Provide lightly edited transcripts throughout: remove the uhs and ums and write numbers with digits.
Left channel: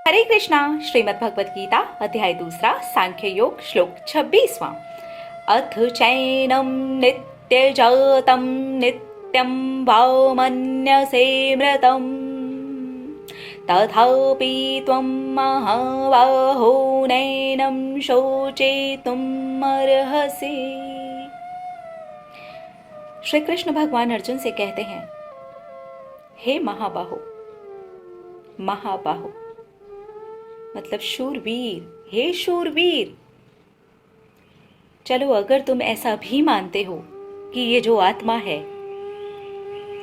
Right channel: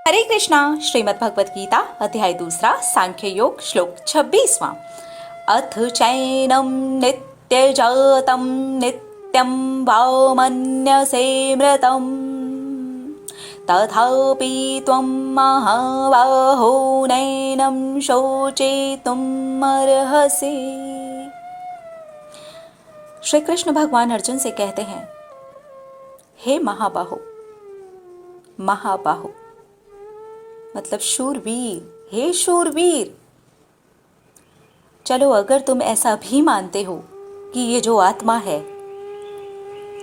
हरे कृष्णा। श्रीमद् भगवत गीता अध्याय 2 सांख्य योग श्लोक 26वां। अथ चैनं नित्यजातं नित्यं वा मन्यसे मृतं तथापि त्वं महाबाहो नैनं शोचितुम् अर्हसि। श्री कृष्ण भगवान अर्जुन से कहते हैं, हे महाबाहो, महाबाहो मतलब शूरवीर, हे शूरवीर, चलो अगर तुम ऐसा भी मानते हो कि ये जो आत्मा है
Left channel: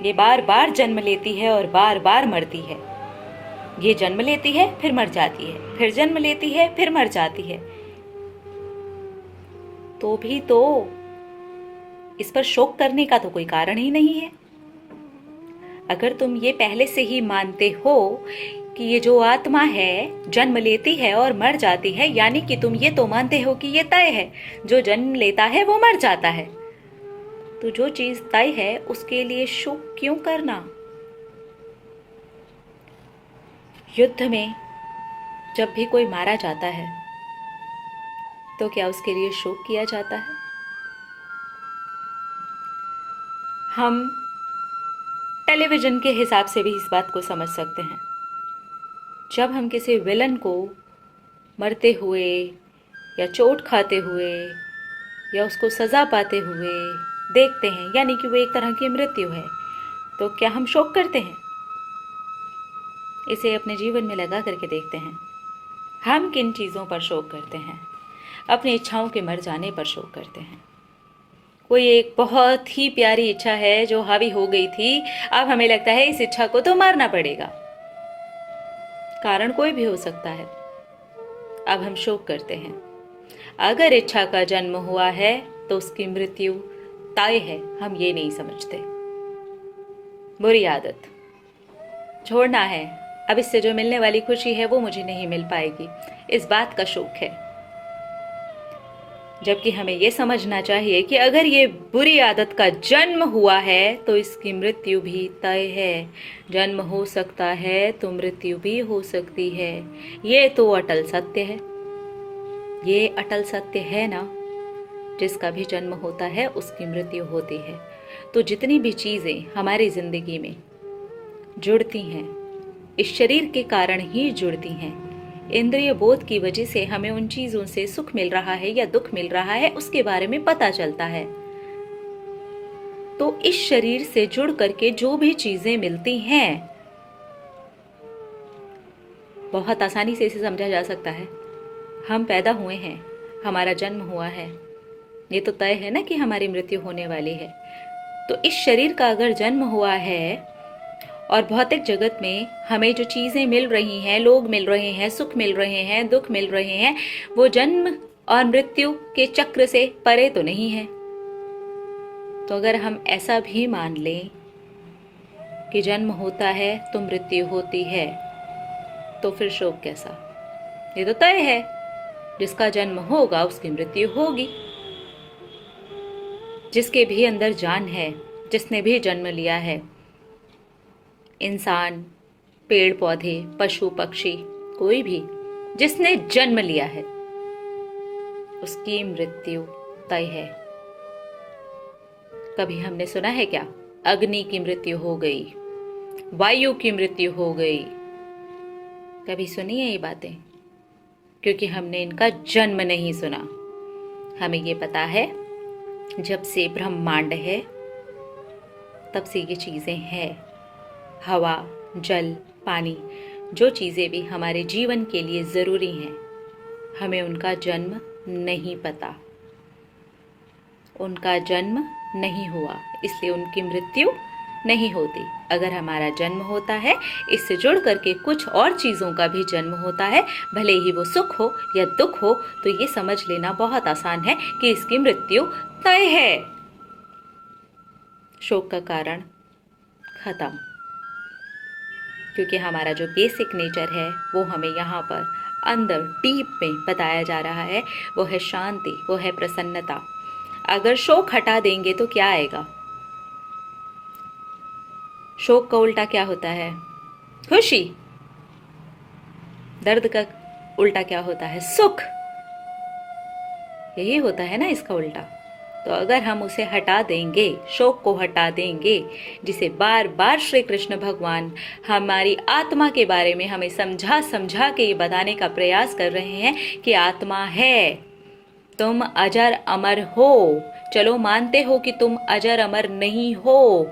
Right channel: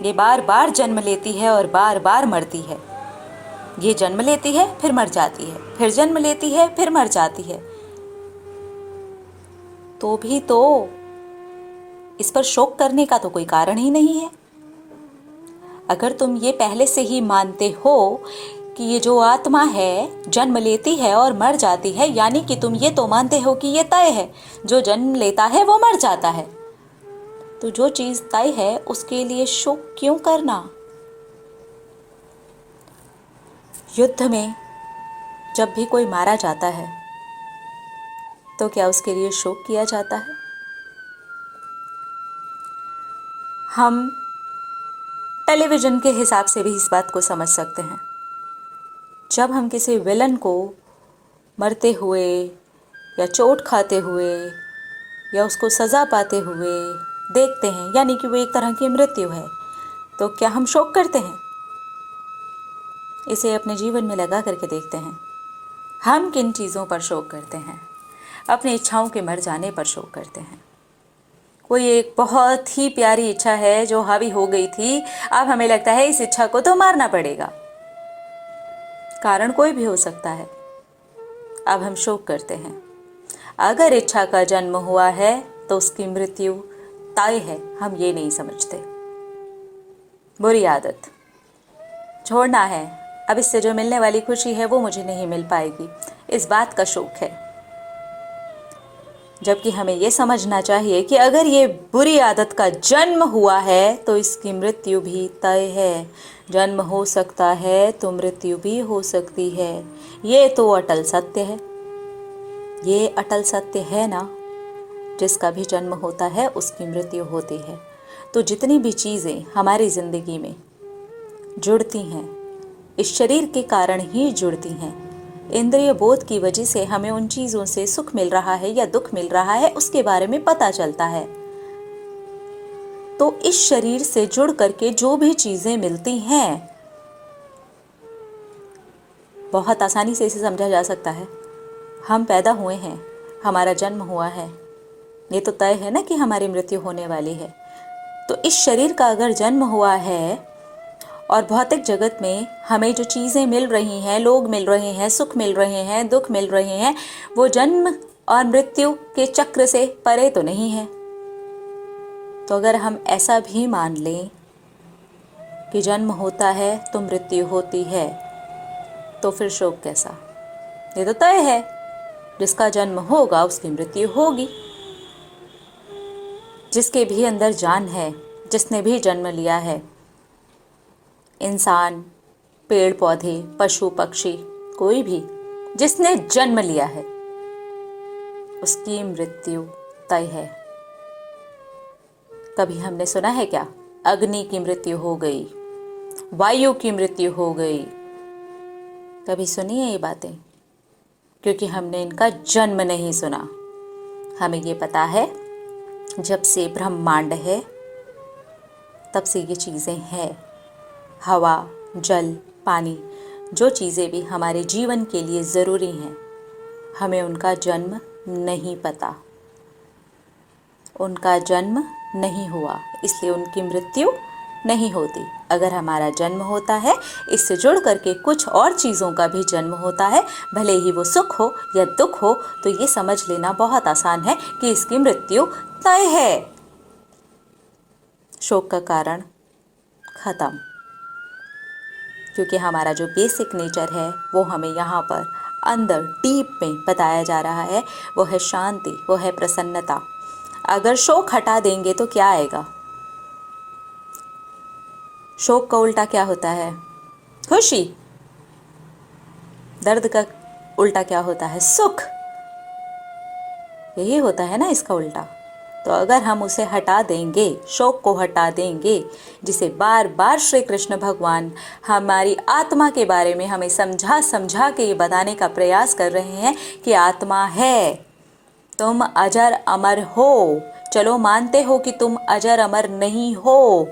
ये बार बार जन्म लेती है और बार बार मरती है, ये जन्म लेती है फिर मर जाती है, फिर जन्म लेती है फिर मर जाती है, तो भी तो इस पर शोक करने का तो कोई कारण ही नहीं है। अगर तुम ये पहले से ही मानते हो कि ये जो आत्मा है जन्म लेती है और मर जाती है, यानी कि तुम ये तो मानते हो कि ये तय है, जो जन्म लेता है वो मर जाता है, तो जो चीज तय है उसके लिए शोक क्यों करना। युद्ध में जब भी कोई मारा जाता है तो क्या उसके लिए शोक किया जाता है? हम टेलीविजन के हिसाब से भी इस बात को समझ सकते हैं। जब हम किसी विलन को मरते हुए या चोट खाते हुए या उसको सज़ा पाते हुए देखते हैं, यानी कि वो एक तरह की मृत्यु है, तो क्या हम शोक करते हैं? इसे अपने जीवन में लगा करके देखते हैं। हम किन चीज़ों पर शोक करते हैं? अपनी इच्छाओं के मर जाने पर शोक करते हैं। कोई एक बहुत ही प्यारी इच्छा है जो हावी हो गई थी, अब हमें लगता है इस इच्छा को तो मारना पड़ेगा। कारण कोई भी हो सकता है, अब हम शोक करते हैं। अगर इच्छा का जन्म हुआ है तो उसकी मृत्यु तय है, हम ये नहीं समझते। बुरी आदत छोड़ना है, अब इससे जो मिलने वाली खुशी है वो मुझे नहीं मिल पाएगी, इस बात का शोक है। जबकि हमें ये समझना चाहिए कि अगर ये बुरी आदत का जन्म हुआ है तो इसकी मृत्यु भी तय है। जन्म हो सकता है तो मृत्यु भी हो सकती है, ये तो अटल सत्य है। ये अटल सत्य है ना, जिसका भी जन्म होता है उसकी मृत्यु होती है। तो जितनी भी चीज़ें हमारी ज़िंदगी में जुड़ती हैं, इस शरीर के कारण ही जुड़ती हैं। इंद्रिय बोध की वजह से हमें उन चीज़ों से सुख मिल रहा है या दुख मिल रहा है उसके बारे में पता चलता है। तो इस शरीर से जुड़ करके जो भी चीज़ें मिलती हैं, बहुत आसानी से इसे समझा जा सकता है। हम पैदा हुए हैं, हमारा जन्म हुआ है, ये तो तय है ना कि हमारी मृत्यु होने वाली है। तो इस शरीर का अगर जन्म हुआ है और भौतिक जगत में हमें जो चीज़ें मिल रही हैं, लोग मिल रहे हैं, सुख मिल रहे हैं, दुख मिल रहे हैं, वो जन्म और मृत्यु के चक्र से परे तो नहीं है। तो अगर हम ऐसा भी मान लें कि जन्म होता है तो मृत्यु होती है, तो फिर शोक कैसा? ये तो तय है, जिसका जन्म होगा उसकी मृत्यु होगी। जिसके भी अंदर जान है, जिसने भी जन्म लिया है, इंसान, पेड़ पौधे, पशु पक्षी, कोई भी जिसने जन्म लिया है उसकी मृत्यु तय है। कभी हमने सुना है क्या अग्नि की मृत्यु हो गई, वायु की मृत्यु हो गई? कभी सुनी है ये बातें? क्योंकि हमने इनका जन्म नहीं सुना। हमें ये पता है जब से ब्रह्मांड है तब से ये चीज़ें हैं। हवा, जल, पानी, जो चीज़ें भी हमारे जीवन के लिए ज़रूरी हैं, हमें उनका जन्म नहीं पता, उनका जन्म नहीं हुआ, इसलिए उनकी मृत्यु नहीं होती। अगर हमारा जन्म होता है, इससे जुड़ करके कुछ और चीज़ों का भी जन्म होता है, भले ही वो सुख हो या दुख हो, तो ये समझ लेना बहुत आसान है कि इसकी मृत्यु तय है। शोक का कारण खत्म, क्योंकि हमारा जो बेसिक नेचर है वो हमें यहाँ पर अंदर डीप में बताया जा रहा है, वो है शांति, वो है प्रसन्नता। अगर शोक हटा देंगे तो क्या आएगा? शोक का उल्टा क्या होता है? खुशी। दर्द का उल्टा क्या होता है? सुख। यही होता है ना इसका उल्टा। तो अगर हम उसे हटा देंगे, शोक को हटा देंगे, जिसे बार बार श्री कृष्ण भगवान हमारी आत्मा के बारे में हमें समझा समझा के ये बताने का प्रयास कर रहे हैं कि आत्मा है, तुम अजर अमर हो। चलो मानते हो कि तुम अजर अमर नहीं हो,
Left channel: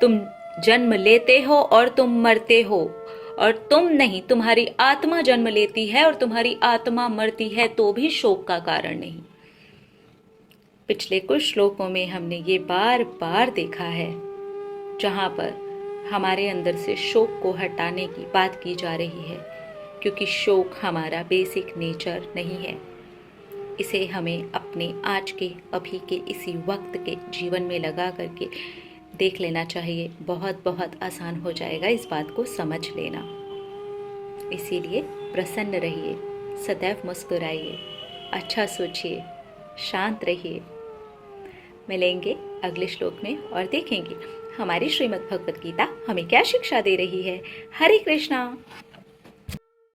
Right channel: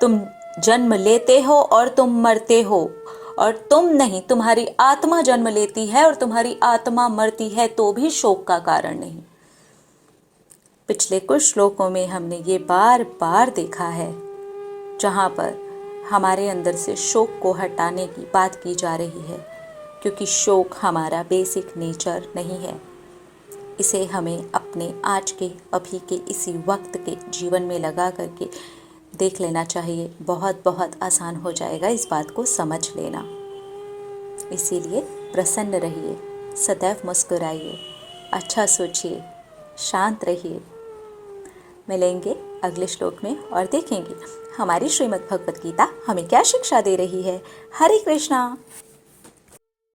तुम जन्म लेते हो और तुम मरते हो, और तुम नहीं, तुम्हारी आत्मा जन्म लेती है और तुम्हारी आत्मा मरती है, तो भी शोक का कारण नहीं। पिछले कुछ श्लोकों में हमने ये बार बार देखा है जहाँ पर हमारे अंदर से शोक को हटाने की बात की जा रही है, क्योंकि शोक हमारा बेसिक नेचर नहीं है। इसे हमें अपने आज के अभी के इसी वक्त के जीवन में लगा करके देख लेना चाहिए। बहुत बहुत आसान हो जाएगा इस बात को समझ लेना। इसीलिए प्रसन्न रहिए, सदैव मुस्कुराइए, अच्छा सोचिए, शांत रहिए। मिलेंगे अगले श्लोक में और देखेंगे हमारी श्रीमद् भगवत गीता हमें क्या शिक्षा दे रही है। हरे कृष्णा।